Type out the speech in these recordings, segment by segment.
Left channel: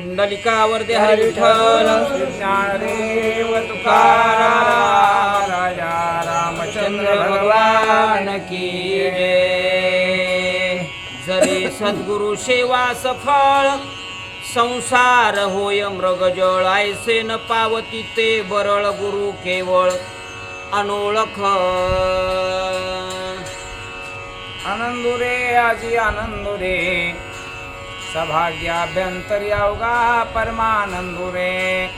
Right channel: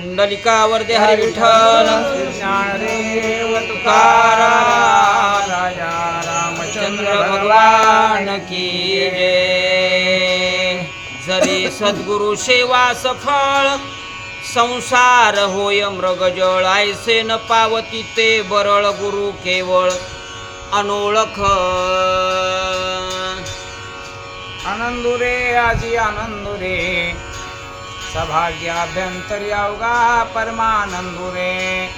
पुंडलिकावर दे हरी विठ्ठल ज्ञानदेव तुकाराम राजा रामचंद्र भगवान की जय। जरी सद्गुरु सेवा सफळ संसार होय मृगजळ आयसे न पावती ते बरळ गुरु केवळ अनोळख। आनंदुरे आजी आनंदुरे सभाग्याभ्यंतरी अवघा परमानंदुरे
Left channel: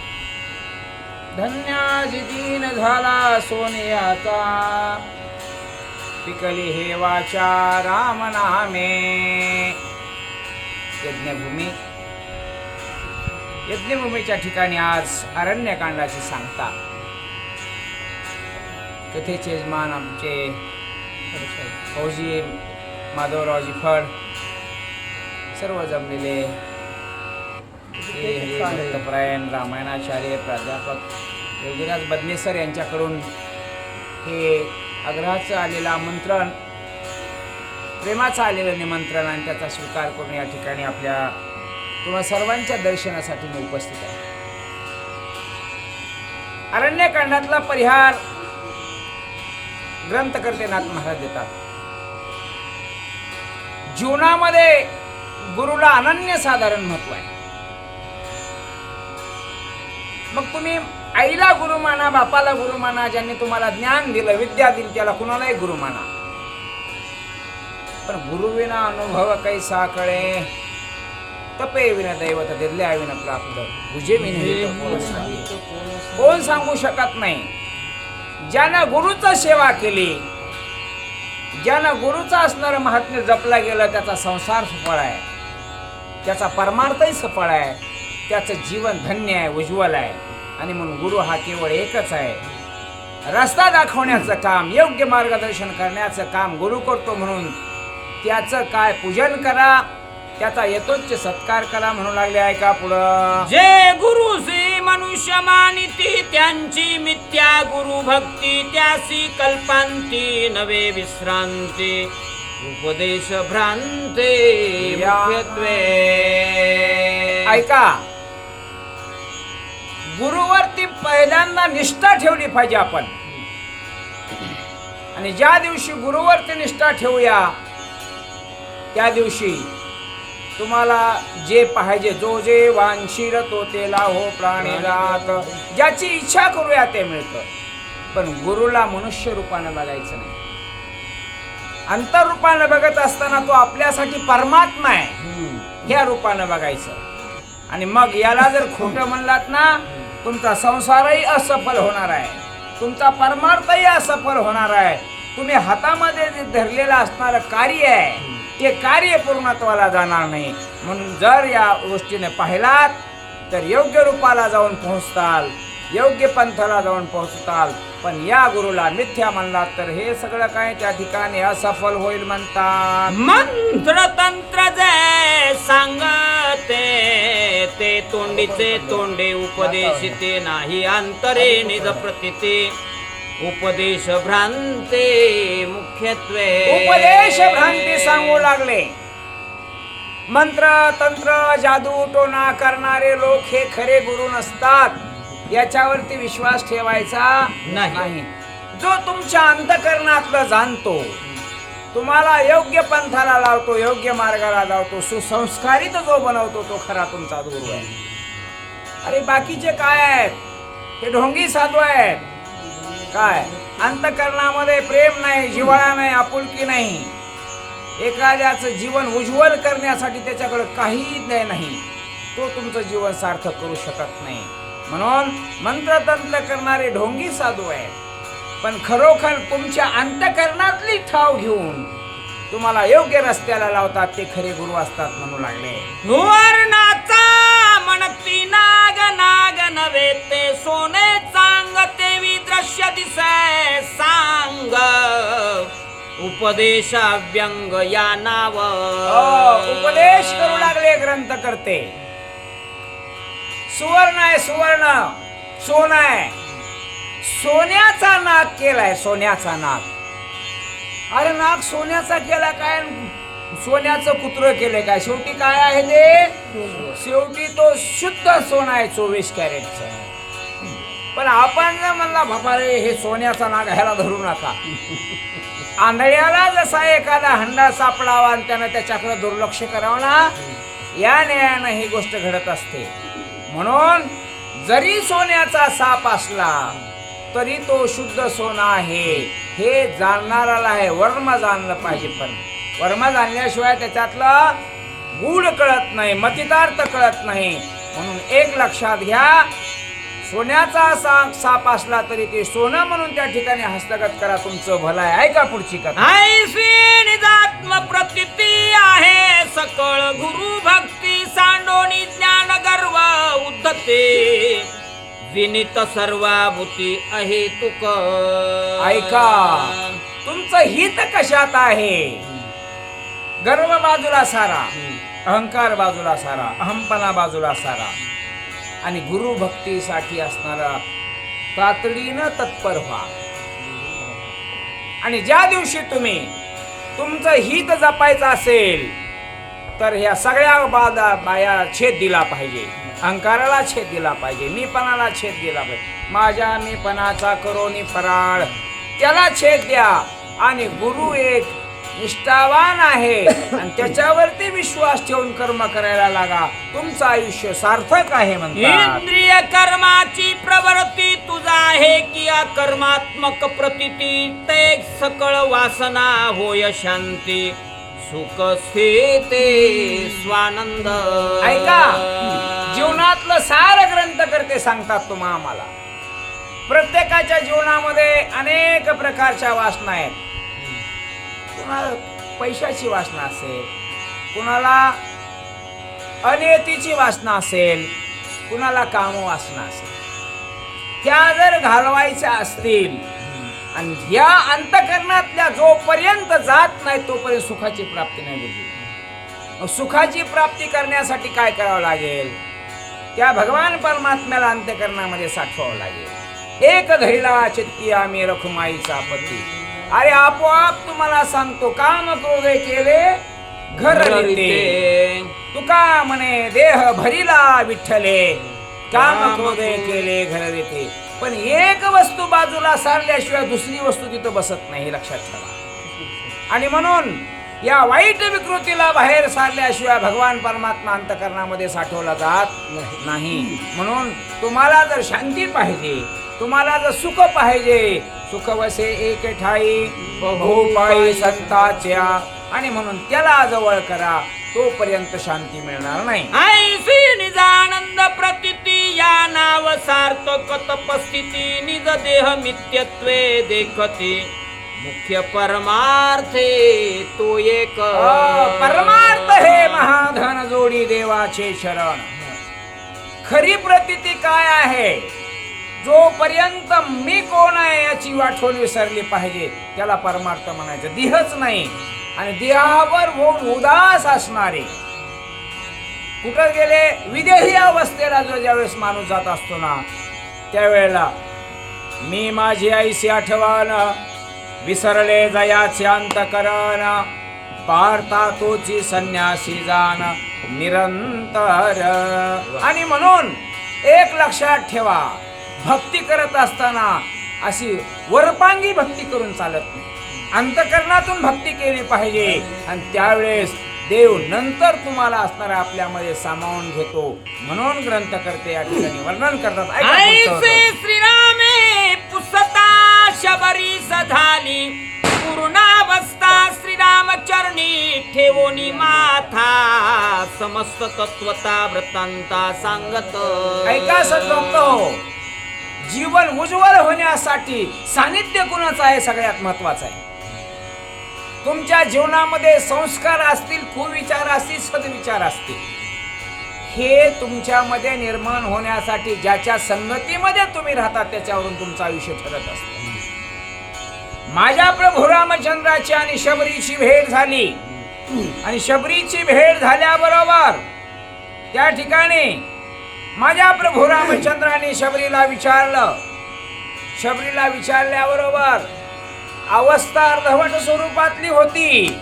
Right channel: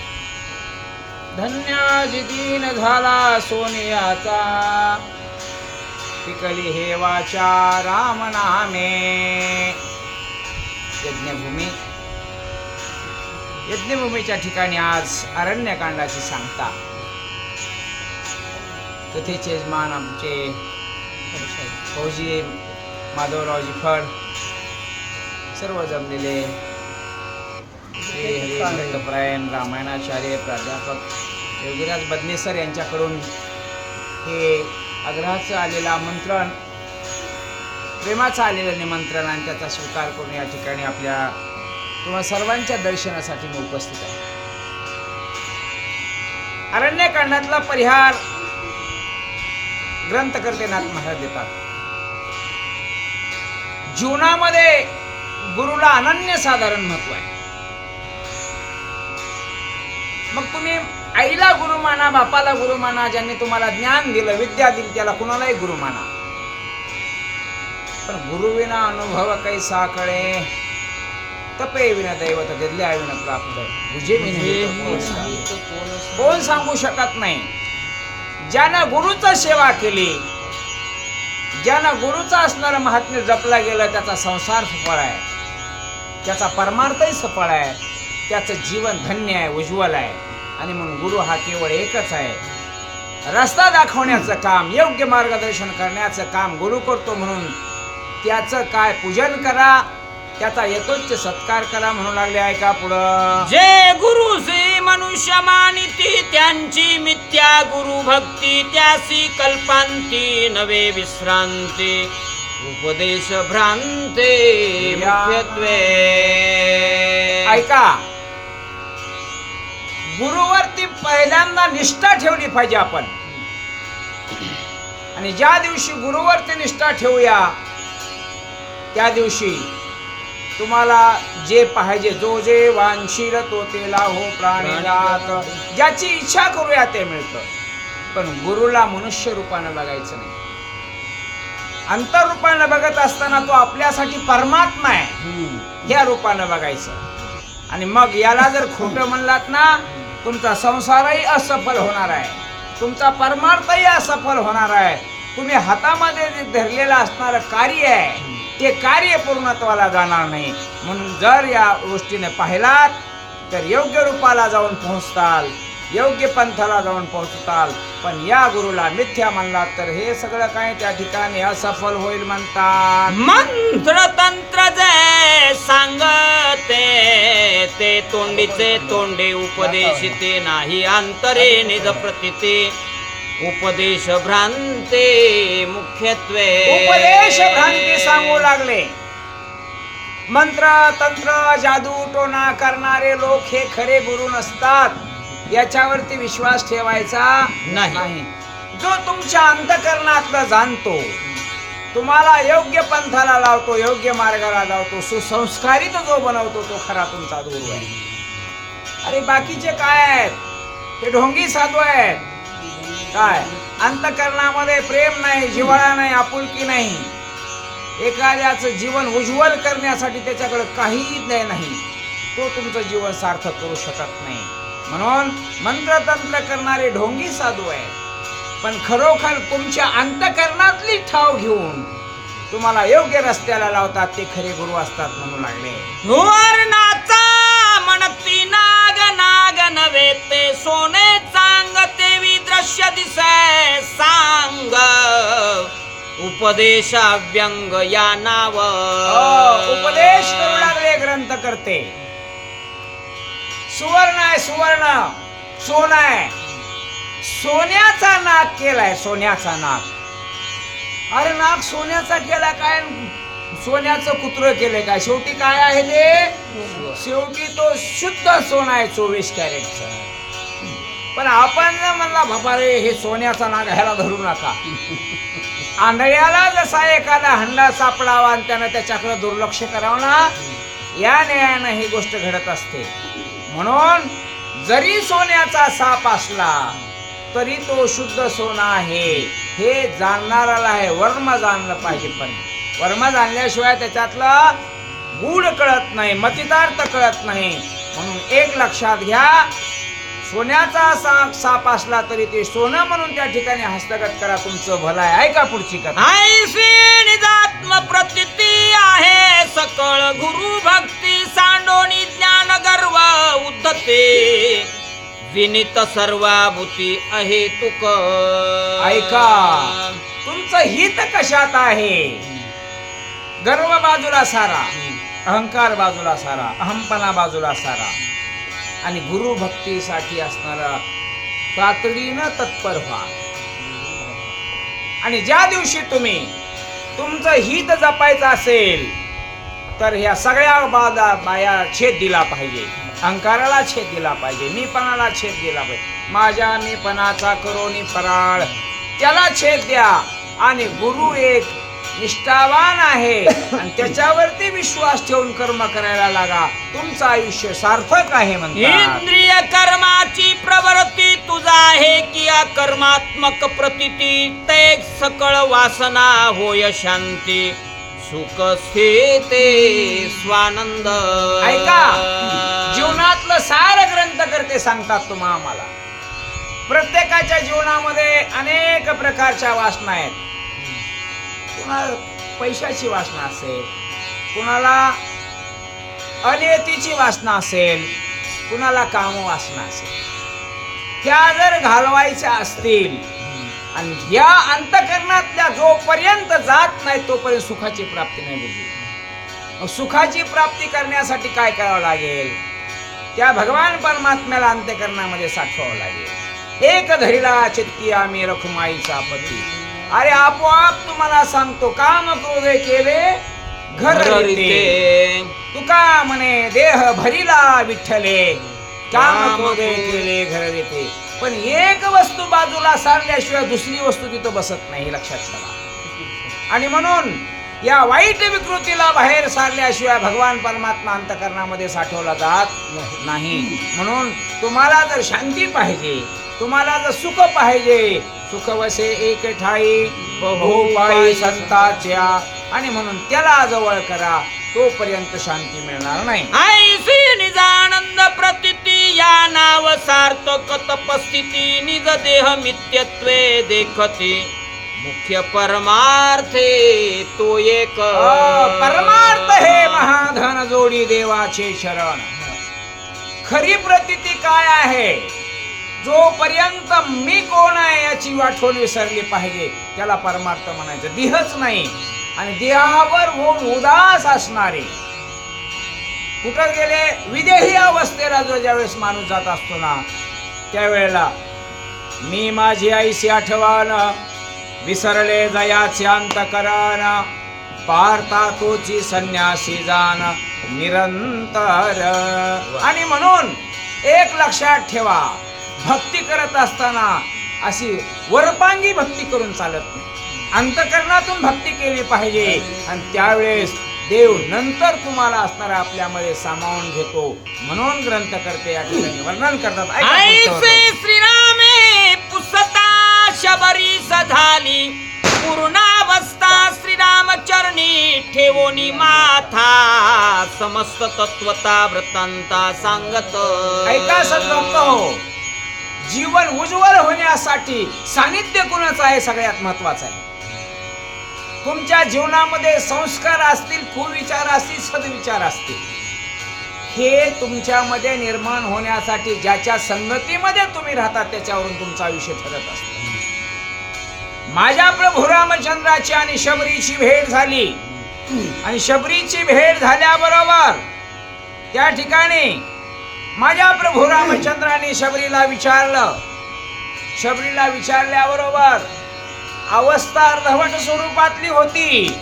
धन्याजी दीन झाला सोनियाचा। पिकली हे वाचा राम नामे। यज्ञभूमी। यज्ञभूमीच्या ठिकाणी आज अरण्यकांडाची सांगता। कथेचे यजमान आमचे फौजी माधवरावजी फड सर्व जमलेले. श्री हरिभक्तपरायण रामायणाचार्य प्राध्यापक योगीराज बदनेसर यांच्याकडून हे आग्रहाचं आलेलं आमंत्रण प्रेमाचं आलेलं निमंत्रण आणि त्याचा स्वीकार करून या ठिकाणी आपल्या किंवा सर्वांच्या दर्शनासाठी मी उपस्थित आहे. अरण्यकांडातला परिहार ग्रंथकर्ते नाथ महाराज देतात. जीवनामध्ये गुरुला अनन्यसाधारण महत्त्व आहे. मग तुम्ही आईला गुरु माना बापाला गुरु माना ज्यांनी तुम्हाला ज्ञान दिलं विद्या दिली त्याला कुणालाही गुरु माना. पण गुरुविना अनुभव काही साकळे. तपे विना दैवत दिल्या विना प्राप्त. बुजे कोण सांगू शकत नाही. ज्यानं गुरुचा सेवा केली ज्यानं गुरुचा असणारं महात्म्य जपला गेलं त्याचा संसार सफळ आहे. त्याचा परमार्थही सफळ आहे. त्याचं जीवन धन्य आहे उज्ज्वल आहे. आणि म्हणून गुरु हा केवळ एकच आहे. रस्ता दाखवण्याचं काम योग्य मार्गदर्शन करण्याचं काम गुरु करतो म्हणून त्याचं काय पूजन करा त्याचा यथोच्च सत्कार करा म्हणू लागले आहे का पुढं? जे गुरु श्री मनुष्य मानिती त्यांची मिथ्या गुरु भक्ती त्यासी कल्पांती नवे विश्रांती. उपदेश भ्रांते मुख्यत्वे। ऐका. गुरुवरती पहिल्यांदा निष्ठा ठेवली पाहिजे आपण. आणि ज्या दिवशी गुरुवरती निष्ठा ठेवूया त्या दिवशी तुम्हाला जे पाहिजे जो जे वांशीर तो ते लाहो प्राणीरात ज्याची इच्छा करूया ते मिळतं. पण गुरुला मनुष्य रूपानं बघायचं नाही. अंतरूपानं बघत असताना तो आपल्यासाठी परमात्मा आहे. या रूपानं बघायचं. आणि मग याला जर खोटं म्हणलात ना तुमचा संसारही असफल होणार आहे. तुमचा परमार्थही असफल होणार आहे. तुम्ही हातामध्ये जे धरलेलं असणारं कार्य आहे ते कार्य पूर्णत्वाला जाणार नाही. म्हणून जर या गोष्टीने पाहिलात तर योग्य रूपाला जाऊन पोहोचताल. योग्य पंथाला जाऊन पोहोचताल. पण या गुरुला मिथ्या म्हणलात तर हे सगळं काय त्या ठिकाणी असफल होईल म्हणतात. मंत्र तंत्र जे सांगते ते तोंडीचे तोंडे उपदेश ते नाही अंतरे निज प्रतिते. उपदेश भ्रांते मुख्यत्वे. उपदेश भ्रांती सांगू लागले. मंत्र तंत्र जादू टोना करणारे लोक हे खरे गुरु नसतात. याच्यावरती विश्वास ठेवायचा नाही. जो तुमच्या अंतकरणातलं जाणतो तुम्हाला योग्य पंथाला लावतो योग्य मार्गाला लावतो सुसंस्कारित जो बनवतो तो खरा तुमचा गुरु आहे अरे बाकीचे काय आहेत? ते ढोंगी साधू आहेत. काय? अंतकरणामध्ये प्रेम नाही जिव्हाळा नाही आपुलकी नाही. एखाद्याचं जीवन उज्ज्वल करण्यासाठी त्याच्याकडे काहीच नाही. नाही. तो तुमचं जीवन सार्थक करू शकत नाही. म्हणून मंत्रतंत्र करणारे ढोंगी साधू आहे पण खरोखर तुमच्या अंतकरणातली ठाव घेऊन तुम्हाला योग्य रस्त्याला लावतात ते खरे गुरु असतात म्हणू लागले. वर्णाचा म्हणती नाग नाग नव्हे ते सोने चांग तेवी दृश्य दिसे सांग. उपदेश व्यंग या नाव. हो, उपदेश करू लागले ग्रंथ करते. सुवर्ण आहे सुवर्ण. सोन आहे. सोन्याचा नाक केलाय सोन्याचा नाक. अरे नाक सोन्याचा केला काय? सोन्याचं कुत्र केलंय काय? शेवटी काय आहे ते? शेवटी तो शुद्ध सोना आहे चोवीस कॅरेटचा. पण आपण म्हणला बाबा रे हे सोन्याचा नाग ह्याला धरू नका. आंधळ्याला जसा एखादा हंडा सापडावा आणि त्यानं त्याच्याकडे दुर्लक्ष करावं ना या न्यायानं ही गोष्ट घडत असते. म्हणून जरी सोन्याचा साप असला तरी तो शुद्ध सोना आहे. हे जाणणाराला आहे वर्म जाणलं पाहिजे पण. वर्म जाणल्याशिवाय त्याच्यातलं गूढ कळत नाही मतितार्थ कळत नाही. म्हणून एक लक्षात घ्या सोन्याचा सा साप असला तरी ते सोनं म्हणून त्या ठिकाणी हस्तगत करा तुमचं भलं आहे ऐका पुढची कथा? निजात्म प्रतिती आहे. सकळ गुरु भक्ती सांडोनी ज्ञान गर्व उद्धते. विनित सर्वाभूती आहे तुक. ऐका तुमचं हित कशात आहे? गर्व बाजूला सारा अहंकार बाजूला सारा अहमपणा बाजूला सारा. आणि गुरु भक्तीसाठी असणारा तातडीनं तत्पर व्हा. आणि ज्या दिवशी तुम्ही तुमचं हित जपायचं असेल तर ह्या सगळ्या बाधा बाया छेद दिला पाहिजे. अहंकाराला छेद दिला पाहिजे. मीपणाला छेद दिला पाहिजे. माझ्या मीपणाचा करोनी फराळ. त्याला छेद द्या. आणि गुरु एक निष्ठावान आहे. आणि त्याच्यावरती विश्वास ठेवून कर्म करायला लागा. तुमचं आयुष्य सार्थक आहे म्हणतात. इंद्रिय कर्माची प्रवृत्ती तुझा आहे की कर्मात्मक प्रतिती. ते सकळ वासना होय शांती. सुख स्थिते स्वानंद. ऐका जीवनातलं सार ग्रंथ करते सांगतात तुम्हा आम्हाला. प्रत्येकाच्या जीवनामध्ये अनेक प्रकारच्या वासना आहेत. कुणाला पैशाची वासना असेल कुणाला अनियतीची वासना असेल कुणाला काम वासना असेल. त्या जर घालवायच्या असतील आणि या अंतकरणातल्या जोपर्यंत जात नाही तोपर्यंत सुखाची प्राप्ती नाही बुद्धी मग सुखाची प्राप्ती करण्यासाठी काय करावं लागेल? त्या भगवान परमात्म्याला अंत्यकरणामध्ये साठवावं लागेल. एक धरिला चित्ती आम्ही रखुमाईचा पती. अरे आपोआप तुम्हाला सांगतो काम क्रोधे केले घर. तुका म्हणे देह भरिला विठ्ठले. काम क्रोधे केले घर देते पण एक वस्तू बाजूला सारल्याशिवाय दुसरी वस्तू तिथं बसत नाही लक्षात ठेवा. आणि म्हणून या वाईट विकृतीला बाहेर सारल्याशिवाय भगवान परमात्मा अंतकरणामध्ये साठवला जात नाही. म्हणून तुम्हाला जर शांती पाहिजे तुम्हाला जर सुख पाहिजे सुख वसे एक ठाई बहुपाई संताच्या आणि म्हणून त्याला जवळ करा तोपर्यंत शांती मिळणार नाही. ऐसी निजानंद प्रतिती या नाव सार्थक तपस्थिती निज देह मित्यत्वे देखते. मुख्य परमार्थे तो एक. परमार्थ हे महाधन जोडी देवाचे शरण. खरी प्रतिती काय आहे? जोपर्यंत मी कोण आहे याची आठवण विसरली पाहिजे त्याला परमार्थ म्हणायचं. देहच नाही. आणि देहावर होऊन उदास असणारे. कुठं गेले? विदेही अवस्थेला जो ज्यावेळेस माणूस जात असतो ना त्यावेळेला मी माझी आईशी आठवण विसरले जयाचे अंतकरण पारता तोची संन्यासी जाण निरंतर. आणि म्हणून एक लक्षात ठेवा भक्ती करत असताना अशी वरपांगी भक्ती करून चालत नाही. अंतकरणातून भक्ती केली पाहिजे. आणि त्यावेळेस देव नंतर तुम्हाला असणारा आपल्यामध्ये सामावून घेतो म्हणून ग्रंथ करते. या ठिकाणी वर्णन करतात. श्रीरामे पुसता शबरी झाली पूर्णावस्था श्रीरामचरणी. ठेवोनी माथा. समस्त तत्वता वृत्तांता सांगत. ऐका हो जीवन उज्ज्वल होण्यासाठी सानिध्य कुणाचं आहे? सगळ्यात महत्वाचं आहे. तुमच्या जीवनामध्ये संस्कार असतील कुविचार असतील सद्विचार असतील. हे तुमच्यामध्ये निर्माण होण्यासाठी ज्याच्या संगतीमध्ये तुम्ही राहता त्याच्यावरून तुमचं आयुष्य ठरत असत. माझ्या प्रभू रामचंद्राची आणि शबरीची भेट झाली. आणि शबरीची भेट झाल्याबरोबर त्या ठिकाणी माझ्या प्रभू रामचंद्राने शबरीला विचारलं. शबरीला विचारल्याबरोबर अवस्था अर्धवट स्वरूपातली होती.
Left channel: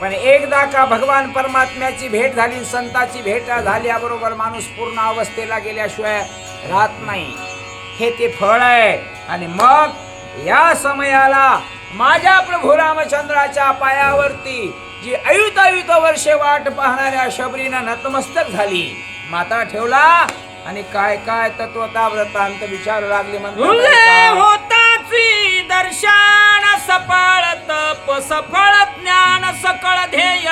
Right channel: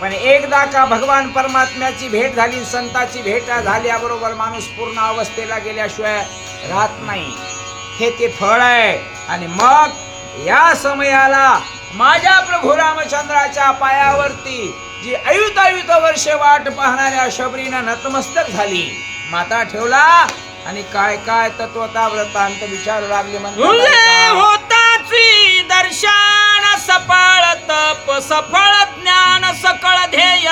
पण एकदा का भगवान परमात्म्याची भेट झाली संताची भेट झाल्याबरोबर माणूस पूर्ण अवस्थेला गेल्याशिवाय राहत नाही. हे ते फळ आहे. आणि मग या समयाला माझ्या प्रभू रामचंद्राच्या पायावरती जी अयुत अयुत वर्षे वाट पाहणाऱ्या शबरीनं नतमस्तक झाली. माता ठेवला आणि काय काय तत्वता व्रतांत विचारू लागले? होताची दर्शन सफळ तप सफळ ज्ञान सकळ ध्येय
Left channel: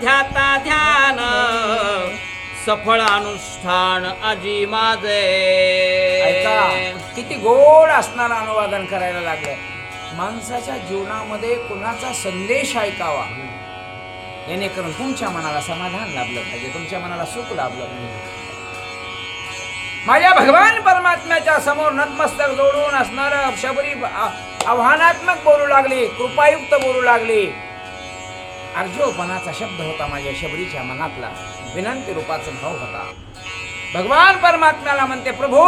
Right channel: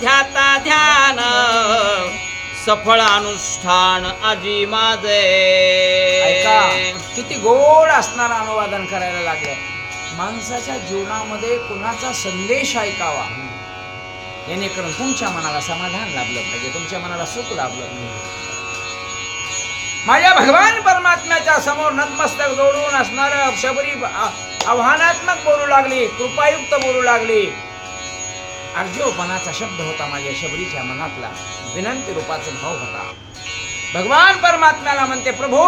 ध्याता ध्यान. सफळ अनुष्ठान आजी माझे. किती गोड असणारं अनुवादन करायला लागलं माणसाच्या जीवनामध्ये कुणाचा संदेश ऐकावा? जेणेकरून तुमच्या मनाला समाधान लाभलं पाहिजे तुमच्या मनाला सुख लाभलं पाहिजे. माझ्या भगवान परमात्म्याच्या समोर नतमस्तक जोडून असणार शबरी आव्हानात्मक बोलू लागली कृपायुक्त बोलू लागली. अर्जोपणाचा शब्द होता माझ्या शबरीच्या मनातला. विनंती रूपाचा भाव होता. भगवान परमात्म्याला म्हणते प्रभू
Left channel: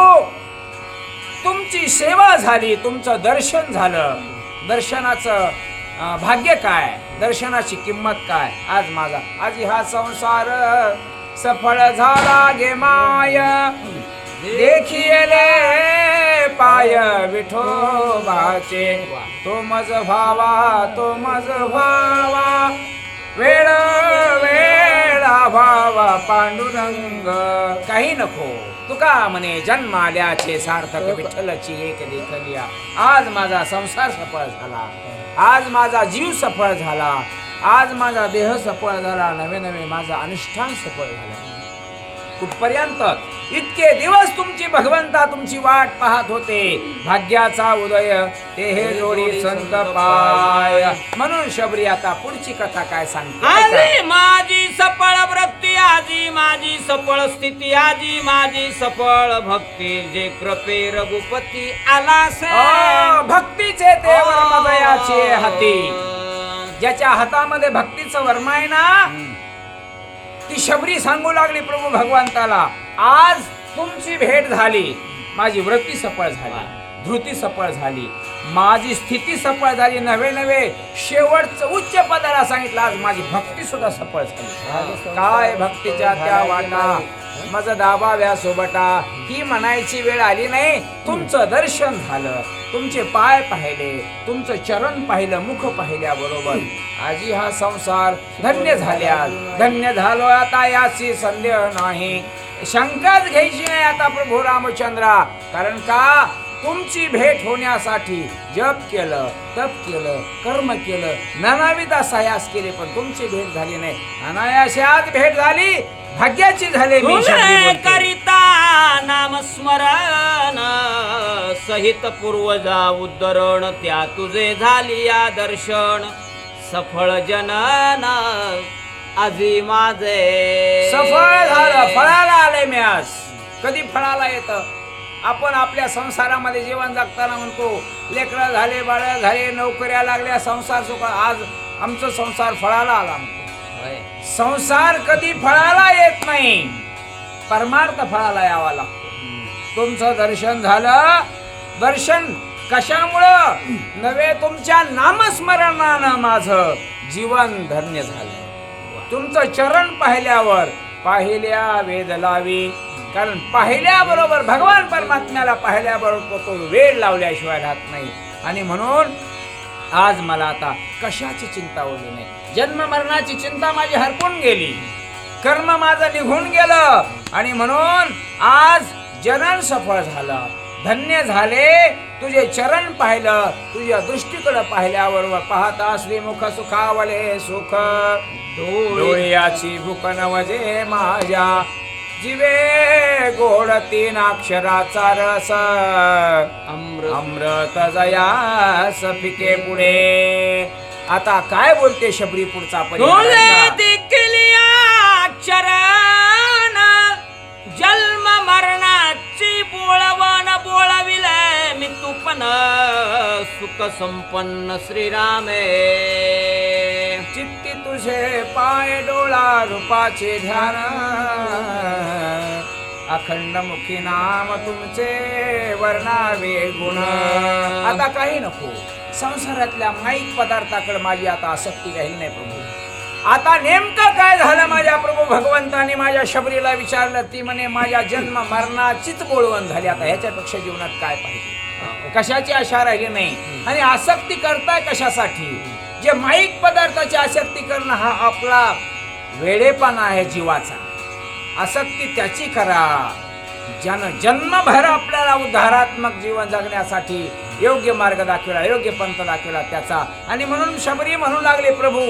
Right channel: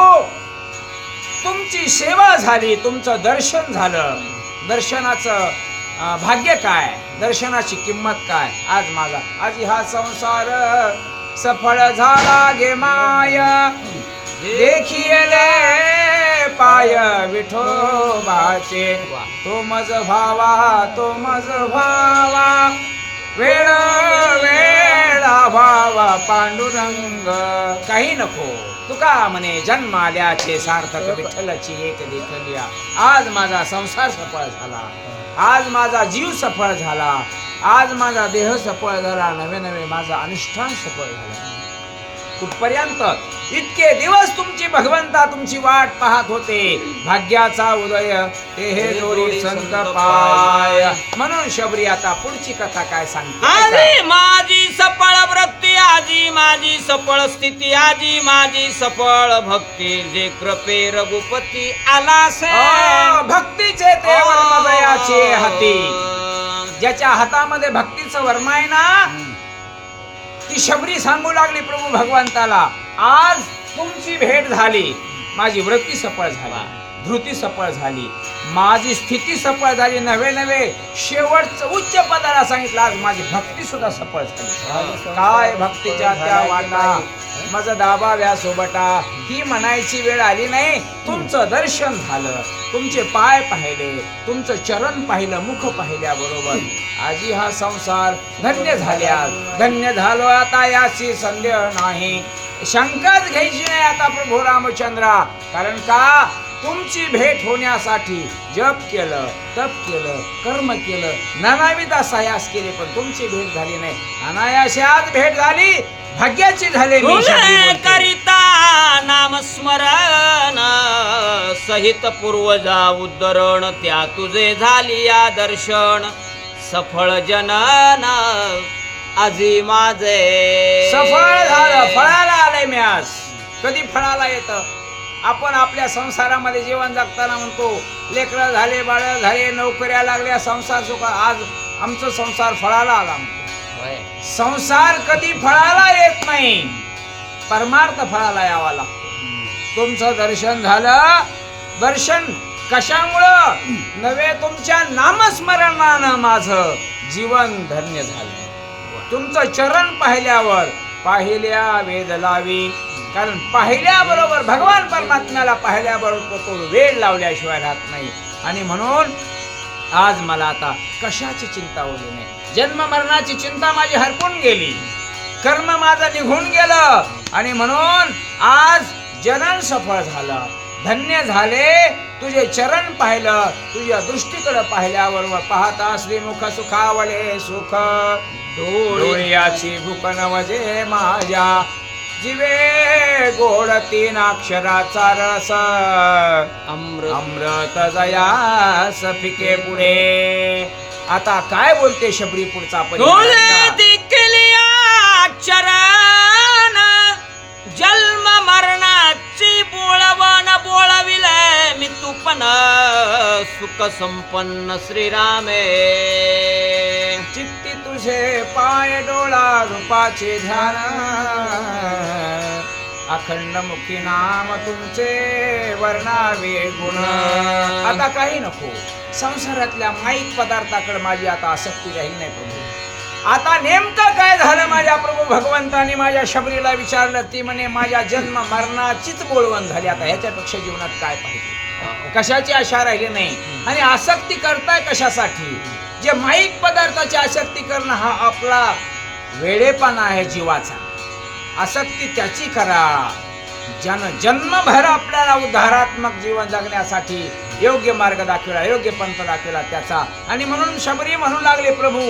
तुमची सेवा झाली तुमचं दर्शन झालं. दर्शनाचं भाग्य काय? दर्शनाची किंमत काय? आज माझा आज हा संसार सफळ झाला गे माय. देखिले पाय विठोबाचे तो मज भावा तो मज भावा। वेळ वेळा भावा पांडुरंग। काही नको तुका म्हणे जन्म आल्याचे सार्थक विठ्ठलची एक देखलिया आज माझा संसार सफळ झाला. आज माझा जीव सफळ झाला. आज माझा देह सफळ झाला. नवे नवे माझा अनुष्ठान सफळ झाला. कुठपर्यंत? इतके दिवस तुमची भगवंता तुमची वाट पाहत होते. भाग्याचा उदय ते हे जोडी संत पाय. म्हणून शबरी आता पुढची कथा काय सांगते आजी माझी सफळ वृत्ती आजी माझी सफळ स्थिती आजी माझी सफळ भक्ती. जे कृपे रघुपती आला भक्तीचे ते वर्मदयाचे हाती. ज्याच्या हातामध्ये भक्तीचं वर्म आहे ना ती शबरी सांगू लागली प्रभू भगवंताला आज तुमची भेट झाली. माझी वृत्ती सफळ झाली. धृती सफळ झाली. माझी स्थिती सफळ झाली नवे नवे शेवटचं उच्च पदाला सांगितलं आज माझी भक्ती सुद्धा सफळ झाली. काय भक्तीच्या त्या वाटा? मज दाबाव्या सोबटा. ही म्हणायची वेळ आली नाही. तुमचं दर्शन झालं. तुमचे पाय पाहिले. तुमचं चरण पाहिलं मुख पाहिल्याबरोबर. आजी हा संसार धन्य झाल्या धन्य झालो आता याची संदेह नाही. शंकाच घ्यायची नाही आता प्रभू रामचंद्रा. कारण का? तुमची भेट होण्यासाठी जप केलं तप केलं कर्म केलं नानाविध सायास केले पण तुमची भेट झाली नाही. अनायासे आज भेट झाली भाग्याची झाली मी. करिता नाम स्मरण सहित पूर्वजा उद्धरण त्या तुझे झाली या दर्शन. सफळ जनन आजी माझे. सफळ झालं फळाला आलंय मी आज. कधी फळाला येत? आपण आपल्या संसारामध्ये जीवन जगताना म्हणतो लेकरं झाले बाळ झाले नोकऱ्या लागल्या संसार सुख आज आमचं संसार फळाला आला म्हणतो. संसार कधी फळाला येत नाही परमार्थ फळाला यावा लागतो. तुमचं दर्शन झालं दर्शन कशामुळं? नवे तुमच्या नामस्मरणानं माझं जीवन धन्य झालं. तुमचं चरण पाहिल्यावर पाहिल्या वेद लावी. कारण पाहिल्याबरोबर भगवान परमात्म्याला पाहिल्याबरोबर तो वेळ लावल्याशिवाय राहत नाही. आणि म्हणून आज मला आता कशाची चिंता उरली नाही जन्म मरणाची चिंता माझी हरपून गेली. कर्म माझं निघून गेलं. आणि म्हणून आज जनन सफळ झालं. धन्य झाले. तुझे चरण पाहिलं. तुझ्या दृष्टीकडे पाहिल्यावर पाहता श्रीमुख सुखावले सुख. डोळ्याची भुकन वजे माझ्या. जीवे गोड तीन अक्षराचा रस. अमृत. अमृत जया सफिके पुढे. आता काय बोलते शबरी पुढचा चरण जन्म मरणाची बोळवण बोळविले मी तुपन सुख संपन्न श्रीरामे. तुझे पाय डोळा रूपाचे ध्यान. अखंड मुखी नाम तुमचे वर्णावे गुण. आता काही नको. संसारातल्या माईक पदार्थाकडे माझी आता आसक्ती राहील नाही प्रभू. आता नेमकं काय झालं माझ्या प्रभू भगवंतानी माझ्या शबरीला विचारलं ती म्हणे माझ्या जन्म मरणाचीच गोळवण झाली. आता ह्याच्यापेक्षा जीवनात काय पाहिजे? कशाची आशा राहिली नाही? आणि आसक्ती करताय कशासाठी? जे माईक पदार्थाची आसक्ती करणं हा आपला वेडेपणा आहे जीवाचा. आसक्ती त्याची करा. ज्यानं जन्मभर आपल्याला उद्धारात्मक जीवन जगण्यासाठी योग्य मार्ग दाखविला योग्य पंथ दाखविला त्याचा. आणि म्हणून शबरी म्हणू लागले प्रभू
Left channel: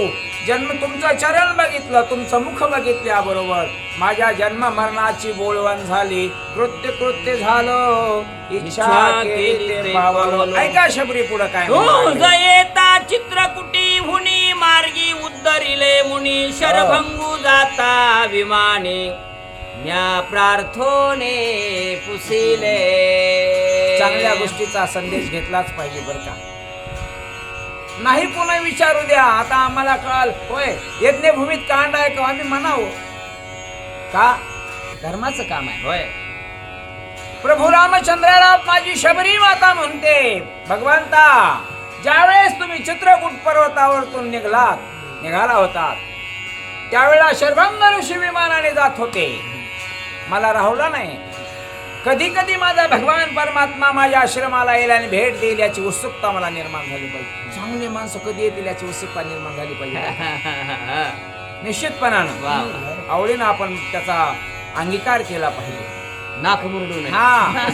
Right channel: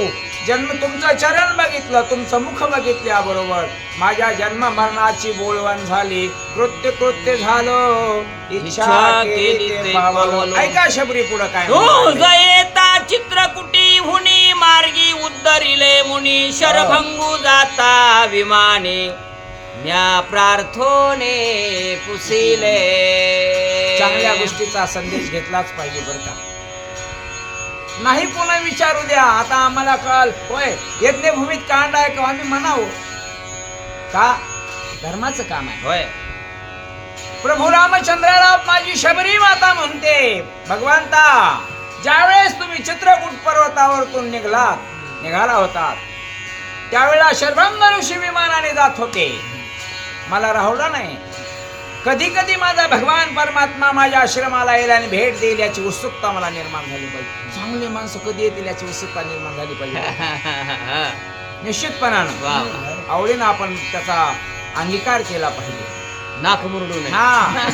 जन्म तुमचं चरण बघितलं तुमचं मुख बघितल्याबरोबर माझ्या जन्म मरणाची बोलवण झाली. कृत्य कृत्य झालं. इच्छा ऐका शबरी पुढं काय मुनी शरभंगू जाता विमाने म्या प्रार्थोने पुसिले. चांगल्या गोष्टीचा संदेश घेतलाच पाहिजे बरं का? नाही कोणा विचारू द्या. आता आम्हाला कळाल. होय यज्ञभूमीत कांड आहे का? आम्ही म्हणावं. का? धर्माचं काम आहे. होय. प्रभू रामचंद्राला माझी शबरी माता म्हणते. भगवंता ज्यावेळेस तुम्ही चित्रकूट पर्वतावरतून निघलात निघाला होता त्यावेळेला शर्भंग ऋषी विमानाने जात होते. मला राहुला नाही. कधी कधी माझा भगवान परमात्मा माझ्या आश्रमाला येईल आणि भेट देईल याची उत्सुकता मला निर्माण झाली पाहिजे. चांगले माणसं कधी येतील याची उत्सुकता निर्माण झाली पाहिजे. निश्चितपणानं. आवडीनं आपण त्याचा अंगीकार केला पाहिजे. नाक मुरडू नये. हा.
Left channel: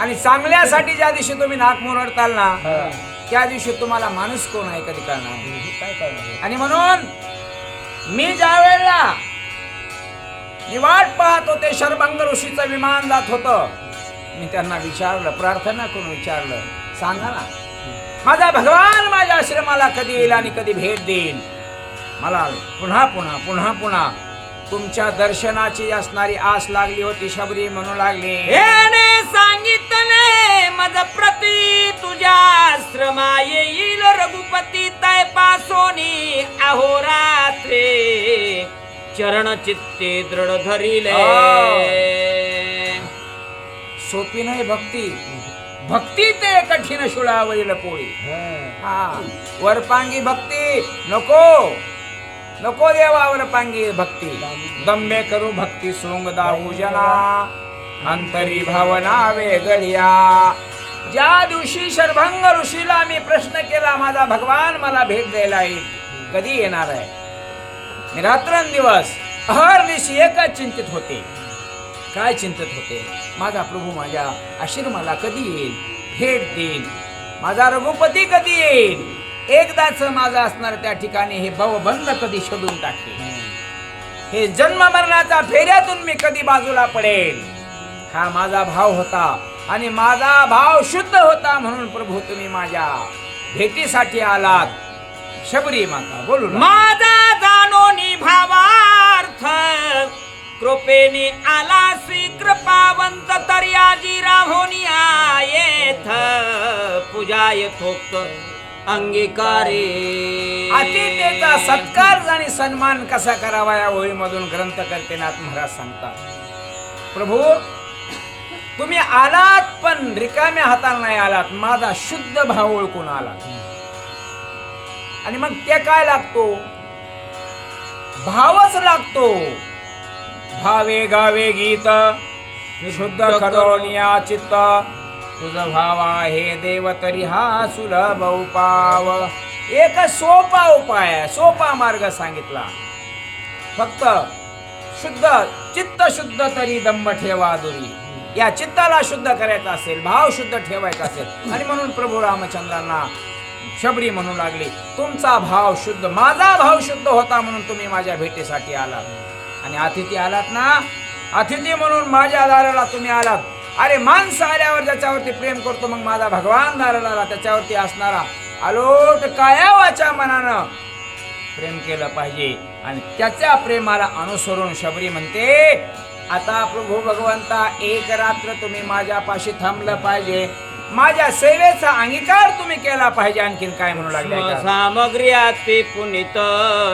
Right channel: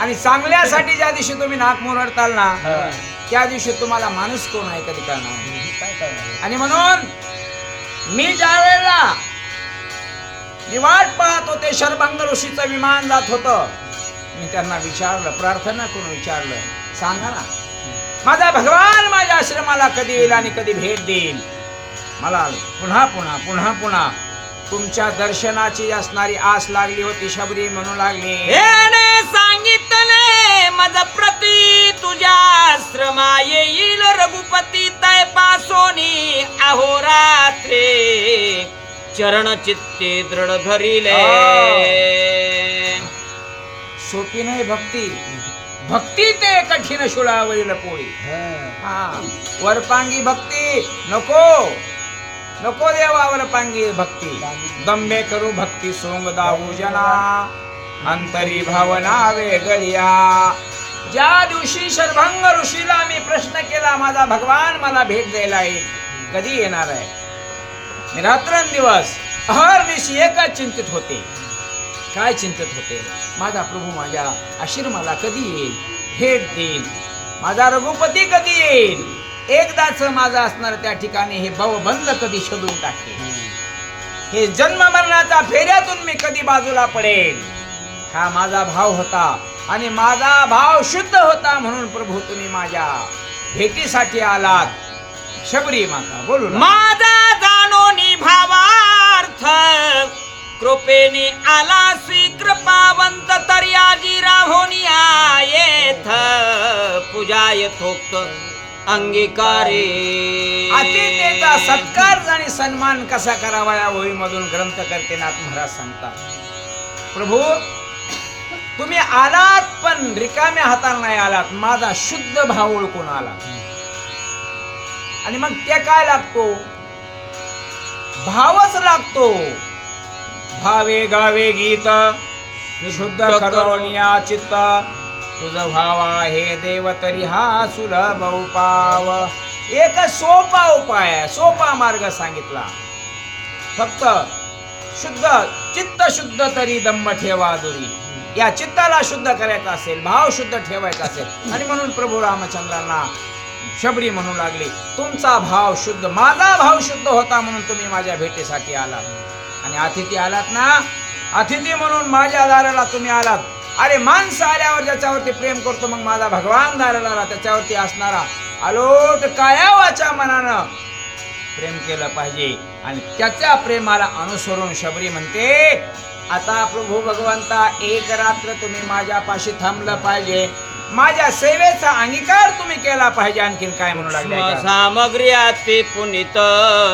आणि चांगल्यासाठी ज्या दिवशी तुम्ही नाक मुरडताल ना त्या दिवशी तुम्हाला माणूस कोण आहे कधी कळणार आणि म्हणून मी ज्या वेळेला मी वाट पाहत होते शरभंग ऋषीचं विमान जात होतं मी त्यांना विचारलं प्रार्थना करून विचारलं सांगा ना माझा भगवान माझ्या आश्रमाला कधी येईल आणि कधी भेट देईल? मला पुन्हा पुन्हा पुन्हा पुन्हा तुमच्या दर्शनाची असणारी आस लागली होती शबरी म्हणू लागली. सांगितलं सांगितले. मज प्रती तुझ्या आश्रमा येईल रघुपती तय पासोनी अहोरात्रे चरण चित्ते दृढ धरिले. सोपी नाही भक्ती. भक्ती ते कठीण शुळावरील पोळी. हा. वरपांगी भक्ती नको. नको देवा वरपांगी भक्ती. दंबे करू भक्ती सोंग दाऊ जना. अंतरी भावना वेगळ्या. ज्या दिवशी शर्भंग ऋषीला मी प्रश्न केला माझा भगवान मला भेट द्यायला येईल. कधी येणार आहे? रात्रंदिवस अहर्निशी एकच चिंतित होते. काय चिंतित होते? माझा प्रभू माझ्या आशीर्माला कधी येईल? भेट देईल. माझा रघुपती कधी येईल? एकदाच माझा असणार त्या ठिकाणी हे भवबंध कधी शोधून टाकेल? हे जन्म मरणाचा फेऱ्यातून मी कधी बाजूला पडेल? हा माझा भाव होता आणि माझा भाव शुद्ध होता म्हणून प्रभू तुम्ही माझ्या भेटीसाठी आलात. शबरी माता बोलू. माझा जाणोनी भावार्थ कृपेने आलासी कृपावंत तर्याजी राहोनी येथ पूजा यथोक्त अंगीकारे. अतिथेचा सत्कार आणि सन्मान कसा करावा या ओळीमधून ग्रंथकर्ते नाथ महाराज सांगतात. प्रभू तुम्ही आलात पण रिकाम्या हाताला नाही आलात. माझा शुद्ध भाव ओळखून आलात आणि मग ते काय लागतो? भावच लागतो. भावे गावे गीत शुद्ध करोनिया चित्त. तुझ भाव आहे देव तरी हा सुलभ उपाव. एक सोपा उपाय आहे सोपा मार्ग सांगितला. फक्त शुद्ध चित्त शुद्ध तरी दंभ ठेवा दुरी. या चित्ताला शुद्ध करायचा असेल भाव शुद्ध ठेवायचा असेल आणि म्हणून प्रभू रामचंद्रांना शबरी म्हणू लागले तुमचा भाव शुद्ध माझा भाव शुद्ध होता म्हणून तुम्ही माझ्या भेटीसाठी आलात. आणि अतिथी आलात ना? अतिथी म्हणून माझ्या दाराला तुम्ही आलात. अरे माणसं आल्यावर ज्याच्यावरती प्रेम करतो मग माझा भगवान दाराला त्याच्यावरती असणारा अलोट काया वाचा मनानं प्रेम केलं पाहिजे. आणि त्याच्या प्रेमाला अनुसरून शबरी म्हणते आता प्रभू भगवंता एक रात्र तुम्ही माझ्यापाशी थांबलं पाहिजे. माझ्या सेवेचा अंगीकार तुम्ही केला पाहिजे आणखीन काय म्हणू लागले. सामग्री ते पुनित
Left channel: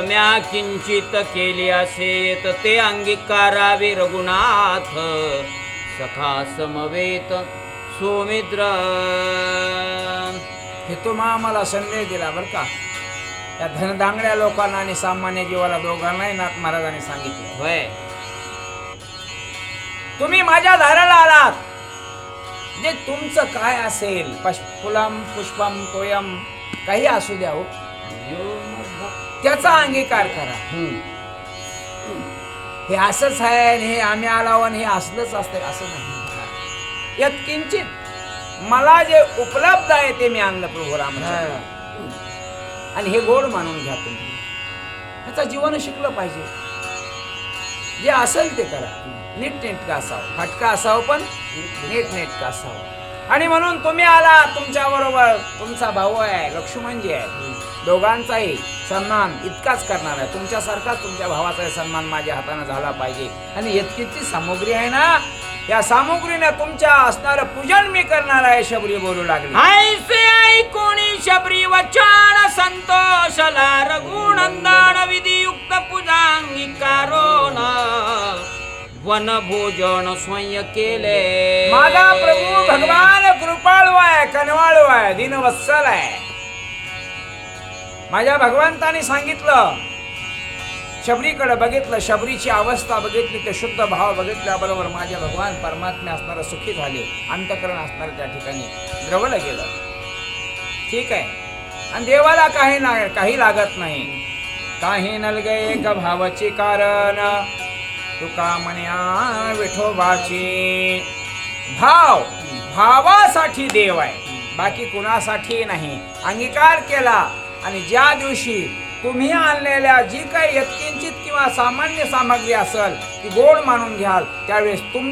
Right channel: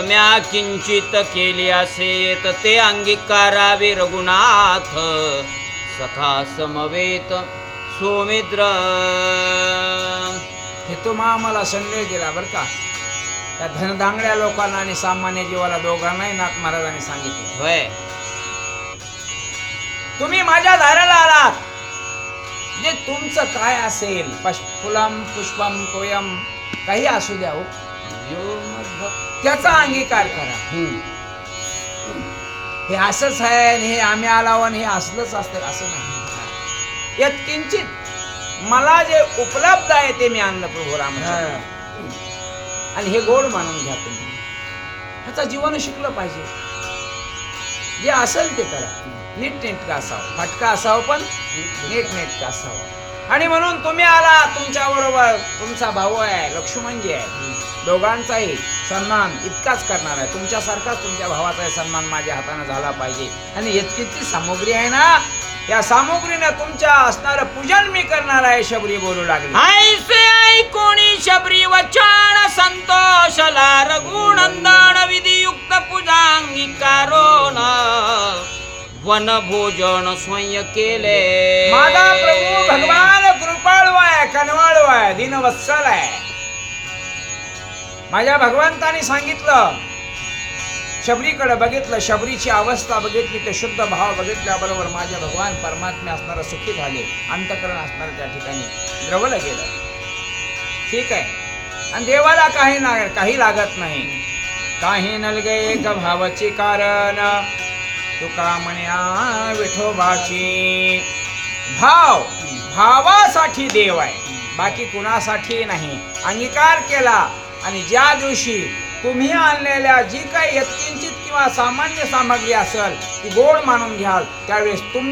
म्या किंचित केली असेत ते अंगीकारावे रघुनाथ. सखा समवेत सोमित्र. हे तुम्हा आम्हाला संदेश दिला बर का? त्या धनदांगड्या लोकांना आणि सामान्य जीवाला दोघांनाही नाथ महाराजांनी सांगितलं. होय. तुम्ही माझ्या दाराला आलात. जे तुमचं काय असेल फुलम पुष्पम तोयम काही असू द्या हो. त्याचा अंगीकार करा. हे असंच आहे हे आम्ही आलाव आणि हे असलंच असतं असं नाही. यात किंचित मला जे उपलब्ध आहे ते मी आणलं प्रभू राम आणि हे गोड मानून घ्या तुम्ही. ह्याचा जीवन शिकलं पाहिजे. जे असेल ते करा नीट नेटका असावं फटका असावं पण नीट नेटका असावं आणि म्हणून तुम्ही आला तुमच्या बरोबर. तुमचा भाऊ आहे लक्ष्मणजी आहे. दोघांचाही सन्मान इतकाच करणार आहे. तुमच्यासारखाच तुमच्या भावाचाही सन्मान माझ्या हाताने झाला पाहिजे. आणि इतकीची सामुग्री आहे ना या सामुग्रीने तुमच्या असणार पूजन मी करणार आहे शबरी बोलू लागली. ऐसे ऐकोणी शबरी वचन संतोषला रघुनंदन विधियुक्त पूजांगीकारो न वन भोजन स्वयं केले. माझा प्रभू भगवान कृपाळू आहे कनवाळू आहे दिनवत्सल आहे माझ्या भगवंताने सांगितलं शबरीकडे बघितलं शबरीची अवस्था बघितली ते शुद्ध भाव बघितल्याबरोबर माझे भगवान परमात्मा असणारं सुखी झाले अंतकरण असणारं त्या ठिकाणी द्रवलं गेलं. ठीक आहे. आणि देवाला काही ना काही लागत नाही. काही नलगे एक भावाची कारण. तुका म्हण्या विठोबाची भाव भावासाठी देव आहे. बाकी कुणासाठी नाही. अंगीकार केला आणि ज्या दिवशी तुम्ही आणलेल्या जी काही यत्किंचित किंवा सामान्य सामग्री असेल ती गोड मानून घ्याल त्यावेळेस तुम